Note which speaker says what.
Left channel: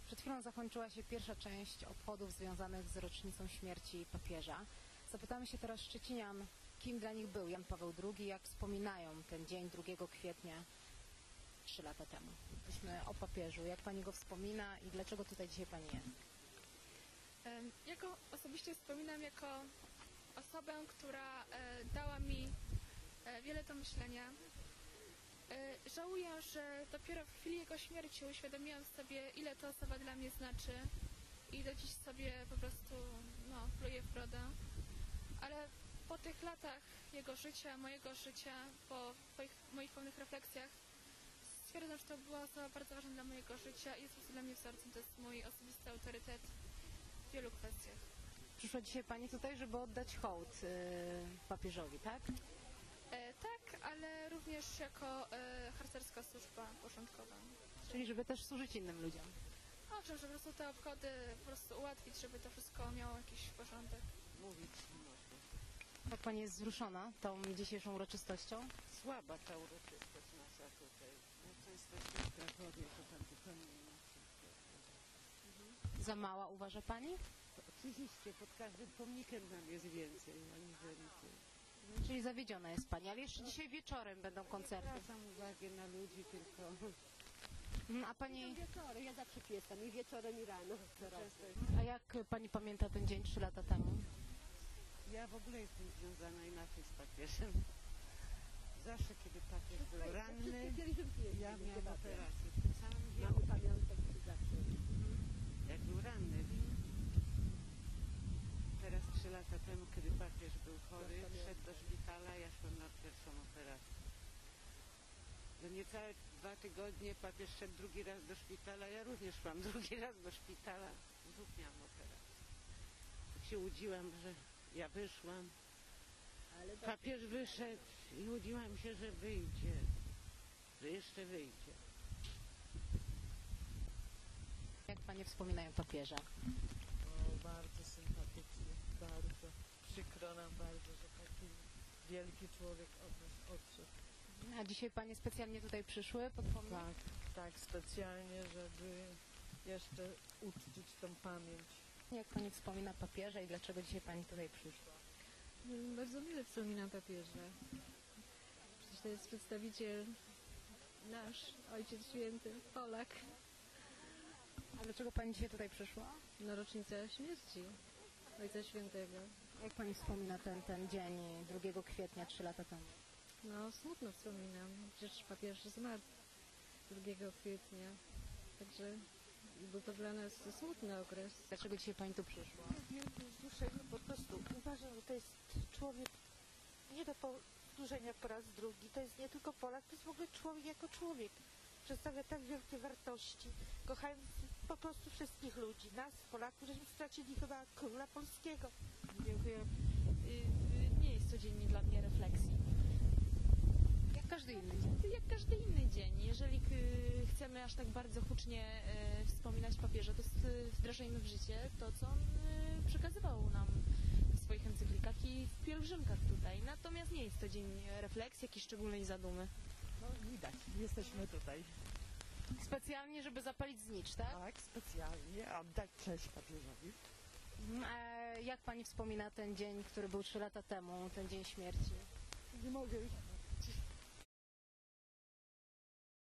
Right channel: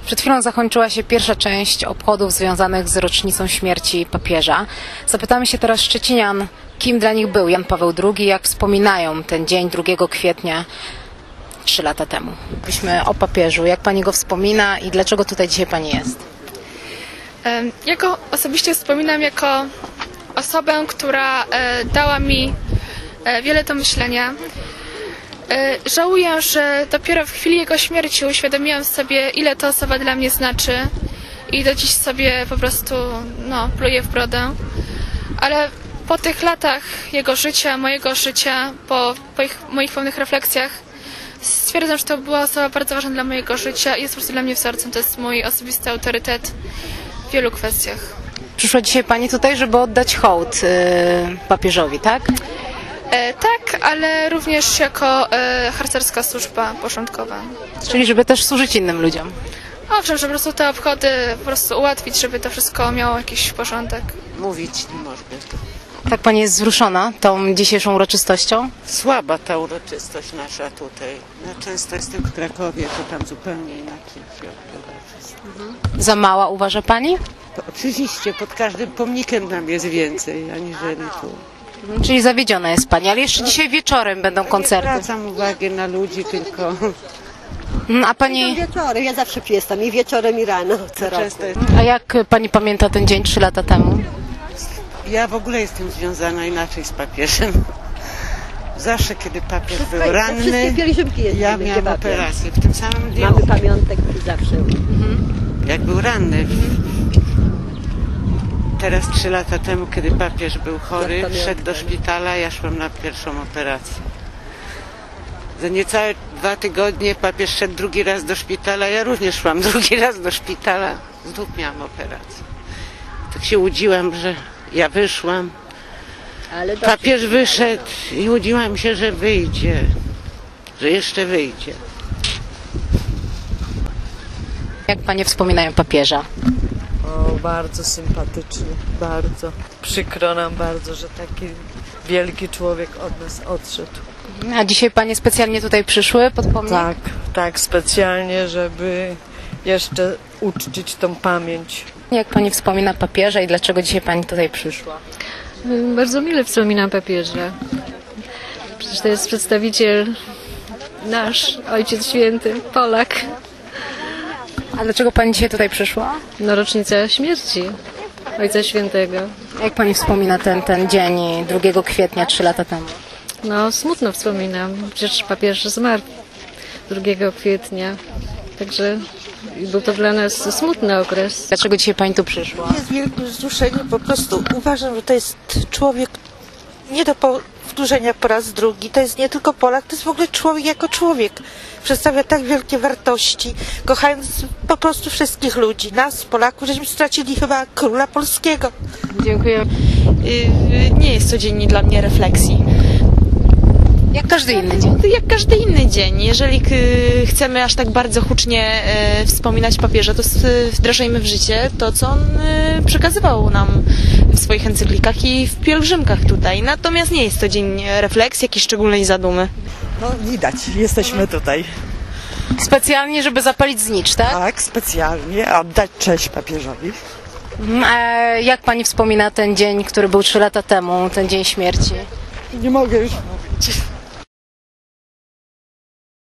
Speaker 1: Przed chwilą zakończyła się pierwsza część obchodów związanych z rocznicą śmierci papieża. Zapytamy się teraz szczecinian, kim dla nich był Jan Paweł II, jak wspominają ten dzień 2 kwietnia 3 lata temu. Mówiliśmy o papieżu, jak pani go wspomina i dlaczego tutaj dzisiaj pani jest?
Speaker 2: Ja go osobiście wspominam jako osobę, która dała mi wiele do myślenia. Żałuję, że dopiero w chwili jego śmierci uświadomiłam sobie, ile ta osoba dla mnie znaczy i do dziś sobie po prostu pluję w brodę. Ale po tych latach jego życia, mojego życia, po moich pełnych refleksjach stwierdzam, że to była osoba bardzo ważna dla mojego życia i jest po prostu dla mnie wzorcem. To jest mój osobisty autorytet w wielu kwestiach.
Speaker 1: Przyszła dzisiaj pani tutaj, żeby oddać hołd papieżowi, tak?
Speaker 2: Tak, ale również jako harcerska służba porządkowa.
Speaker 1: Czyli żeby też służyć innym ludziom.
Speaker 2: Owszem, że po prostu te obchody po prostu ułatwić, żeby to wszystko miało jakiś porządek.
Speaker 3: Mówić nie można.
Speaker 1: Tak pani jest wzruszona tą dzisiejszą uroczystością?
Speaker 3: Słaba ta uroczystość nasza tutaj. Ja często jestem w Krakowie, to tam zupełnie inaczej się odbywa wszystko.
Speaker 1: Za mała uważa pani?
Speaker 3: To oczywiście pod każdym pomnikiem nam jest więcej, aniżeli tu.
Speaker 1: Czyli zawiedziona jest pani, ale jeszcze dzisiaj wieczorem będą
Speaker 3: Nie
Speaker 1: koncerty.
Speaker 3: zwracam uwagi na ludzi, tylko
Speaker 1: A pani,
Speaker 4: Wieczorem, ja zawsze jestem i wieczorem i rano, co roku.
Speaker 3: często jest...
Speaker 1: a jak pani pamięta ten dzień 3 lata temu?
Speaker 3: Ja w ogóle jestem związana inaczej z papieżem. Zawsze, kiedy papież był ranny,
Speaker 4: Wszystkie pielgrzymki jeździmy,
Speaker 3: ja
Speaker 4: gdzie
Speaker 3: miałam
Speaker 4: papież.
Speaker 3: operację w tym samym dniu,
Speaker 4: Mamy pamiątek zawsze.
Speaker 3: jak był ranny. Teraz 3 lata temu, kiedy papież był chory, szedł do szpitala, ja szłam na pierwszą operację. Za niecałe 2 tygodnie papież szedł drugi raz do szpitala, ja również szłam drugi raz do szpitala. Znów miałam operację. Tak się łudziłam, że ja wyszłam.
Speaker 4: Ale
Speaker 3: Papież wyszedł i łudziłam się, że wyjdzie, że jeszcze wyjdzie.
Speaker 1: Jak panie wspominają papieża?
Speaker 5: O, bardzo sympatyczny, bardzo. Przykro nam bardzo, że taki wielki człowiek od nas odszedł.
Speaker 1: A dzisiaj panie specjalnie tutaj przyszły pod pomnik?
Speaker 5: Tak, specjalnie, żeby jeszcze uczcić tą pamięć.
Speaker 1: Jak pani wspomina papieża i dlaczego dzisiaj pani tutaj przyszła?
Speaker 6: Bardzo mile wspominam papieża. Przecież to jest przedstawiciel nasz, Ojciec Święty, Polak.
Speaker 1: A dlaczego pani dzisiaj tutaj przyszła?
Speaker 6: No, rocznica śmierci Ojca Świętego.
Speaker 1: Jak pani wspomina ten dzień 2 kwietnia 3 lata temu?
Speaker 6: No, smutno wspominam. Przecież papież zmarł 2 kwietnia. Także był to dla nas smutny okres.
Speaker 1: Dlaczego dzisiaj pani tu przyszła?
Speaker 7: Jest wielkie wzruszenie, po prostu uważam, że to jest człowiek nie do powtórzenia po raz drugi. To jest nie tylko Polak, to jest w ogóle człowiek jako człowiek. Przedstawia tak wielkie wartości, kochając po prostu wszystkich ludzi. Nas, Polaków, żeśmy stracili chyba króla polskiego.
Speaker 1: Dziękuję.
Speaker 8: Nie jest codziennie dla mnie refleksji.
Speaker 1: Jak każdy inny dzień.
Speaker 8: Jak każdy inny dzień. Jeżeli chcemy aż tak bardzo hucznie wspominać papieża, to wdrażajmy w życie to, co on przekazywał nam w swoich encyklikach i w pielgrzymkach tutaj. Natomiast nie jest to dzień refleksji, jakiejś szczególnej zadumy.
Speaker 9: No widać, jesteśmy tutaj.
Speaker 1: Specjalnie, żeby zapalić znicz, tak?
Speaker 9: Tak, specjalnie oddać cześć papieżowi.
Speaker 1: A jak pani wspomina ten dzień, który był 3 lata temu, ten dzień śmierci?
Speaker 9: Nie mogę już mówić.